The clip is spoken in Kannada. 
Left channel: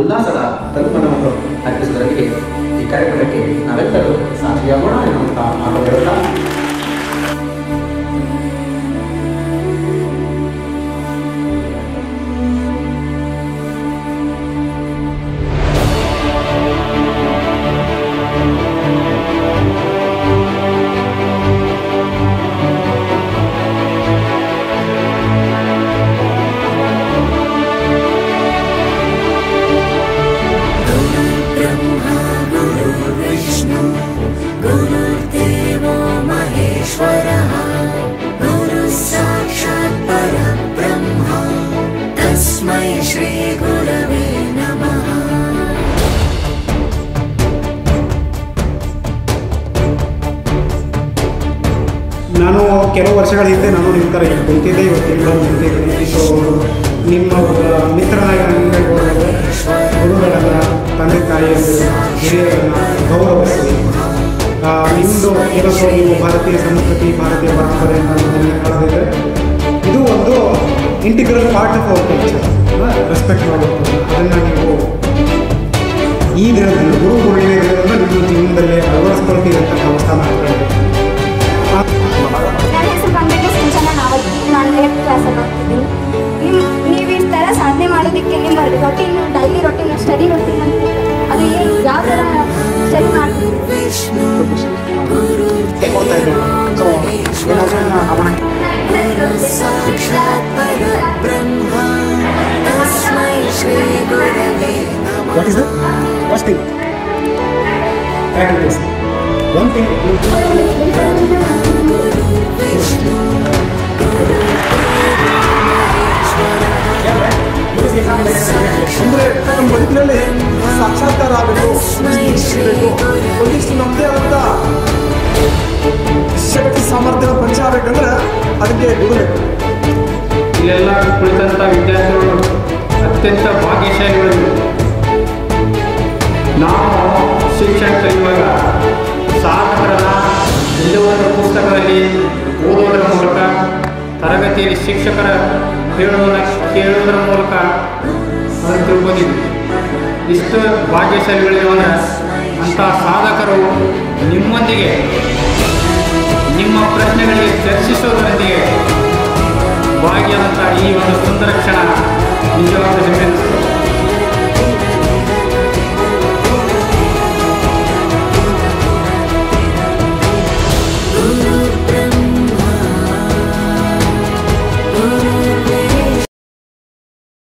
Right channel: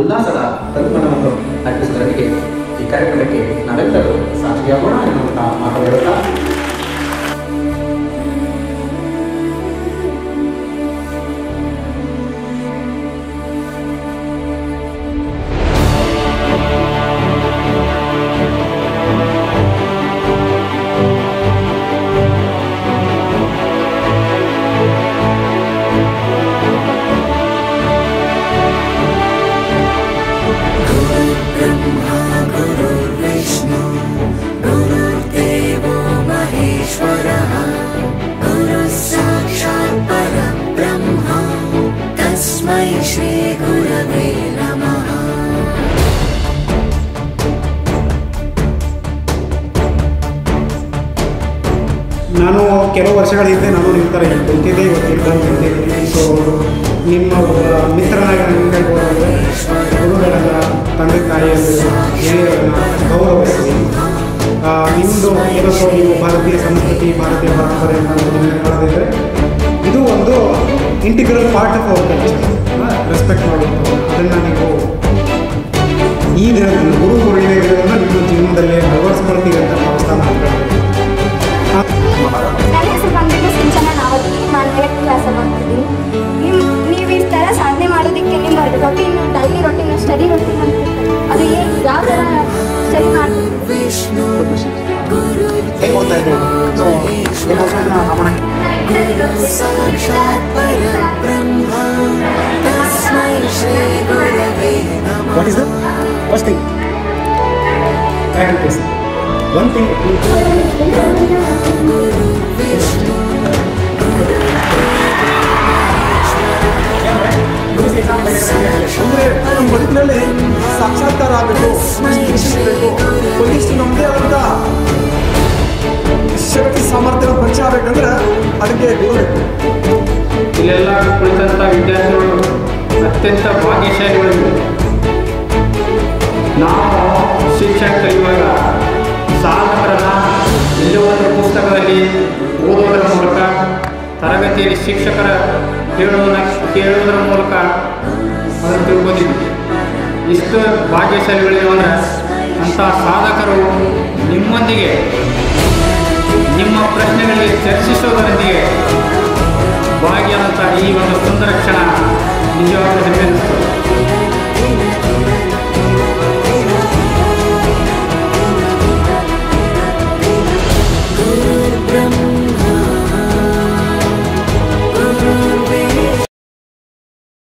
ಉಲ್ಲಾಸದ ತನುಮನವನ್ನು ಅರ್ಪಿಸುವುದರೊಂದಿಗೆ ಈ ಕಾರ್ಯಕ್ರಮಕ್ಕೆ ನಾವೆಲ್ಲರೂ ಸಾಕ್ಷಿಯಾಗೋಣ ಎನ್ನುವಂತಹ ಮಾತು ಹೇಳುತ್ತಾ ನಾನು ಕೆಲವು ವರ್ಷಗಳ ಹಿಂದೆ ನಾನು ನಿಮ್ಮ ಥರ ಇಲ್ಲಿ ಕುಂತಿದ್ದೆ, ಇವತ್ತು ಇಲ್ಲಿ ಬಂದು ನಿಂತಿದ್ದೀನಿ. ಸೊ ನಿಮ್ಮ ಮಿತ್ರನಾಗಿ ನನಗೆ ಹೇಳ್ಬೋದಾದರೆ ಗುರುಗಳನ್ನು, ತಂದೆ ತಾಯಿಯಂದಿರನ್ನ, ಹಿರಿಯರನ್ನು ಗೌರವಿಸಿ ನಿಮ್ಮದು ಏನಾದರೂ ನೀವು ಭಾರತೀಯ ಸಂಸ್ಕೃತಿ, ಭಾರತೀಯ ಪರಂಪರೆಯನ್ನು ನಿಮಗೆ ಕಳೆದಿದ್ದರೆ ಇದು ಒಂದು integral part of our culture. Respect ಮಾಡುವಂಥದ್ದು ಅದನ್ನು ನೀವು ಈ ದಿನದಲ್ಲಿ ಗುರು ಪೂರ್ಣಿಮೆ ದಿನದಿಂದ ನಿಮ್ಮ ಜೀವನದಲ್ಲಿ ಅಳವಡಿಸ್ಕೊಳ್ತೀವಿ ಅಂತ ಭಾವಿಸ್ತಾ ಮಾತಾಡಬೇಕು. ನನ್ನ ಹೆಸರು ಬಂದ್ಬಿಟ್ಟು ಸಿಂಚನ ನಾವತಿ. ನಾನು 8th ಕ್ಲಾಸಲ್ಲಿ ಓದ್ತಿದ್ದೀನಿ. ನೀವು ಈ ಥರ ಸಾಧನೆ ಮಾಡೋದಕ್ಕೆ ನಿಮ್ಮ routine, daily routine, study routine ಅಂತ ಅದು ಏನು, ಯಾವ ಥರ ಸ್ಟಡಿ ಮಾಡ್ತಿದ್ದೀವಿ? ಹೇಗೆ ಓದ್ತಾ ಇದ್ದೀವಿ? ಸೊ ಏನಾದರೂ ಇದನ್ನ ಗಮನ. What is the first thing? Practice. One thing ಅಂದರೆ ನಮ್ಮ ಬದುಕಿನಲ್ಲಿ ಸಾಕ್ಷಾತ್ಕಾರ ಆಗಬೇಕು, ಒಂದಿಷ್ಟು ಸಿಗಬೇಕು, ಒಂದಿಷ್ಟು ನಮ್ಮದೇ ಆದಂಥ ಶಕ್ತಿ ಸಾಮರ್ಥ್ಯ ಪರಿಚಯ ಆಗಬೇಕಂದ್ರೆ ಅದಕ್ಕೆ ಗುರು ಬೇಕು. ಇಲ್ಲೆಲ್ಲ ಕುಳಿತಂಥ ವಿದ್ಯಾರ್ಥಿಗಳು ಅತ್ಯಂತ ಭಾಗ್ಯಶಾಲಿಗಳು. ನಾವು ಶಿಕ್ಷಣ ಕಲಿಯುವಾಗ ಸಾಧಕರನ್ನ ಎಲ್ಲೋ ಒಂದು ಪುಸ್ತಕದಲ್ಲಿ ಓದೋದರ ಮೂಲಕ, ತರಗತಿಯಲ್ಲಿ ಶಿಕ್ಷಕರ ಕೇಳುವುದರ ಮೂಲಕ ಅದನ್ನು ತಿಳ್ಕೋತಿದ್ವಿ. ಇಷ್ಟು ಭಾಗ್ಯಶಾಲಿಗಳಿವೆ ಅಂದರೆ ಅಂಥ ಸಾಧಕರು ನಿಮ್ಮೊಂದಿಗೆ ನಿಮ್ಮ ಪ್ರಶ್ನೆಗಳಿಗೆ ಚರ್ಚಿಸೋದರೊಂದಿಗೆ ಭಾಗಿಯಾದಂಥ ಈ ಒಂದು ಸುಂದರ ಕ್ಷಣ ನಿಜವಾದ ಹೆಮ್ಮೆ ಅನ್ನಿಸ್ತದೆ.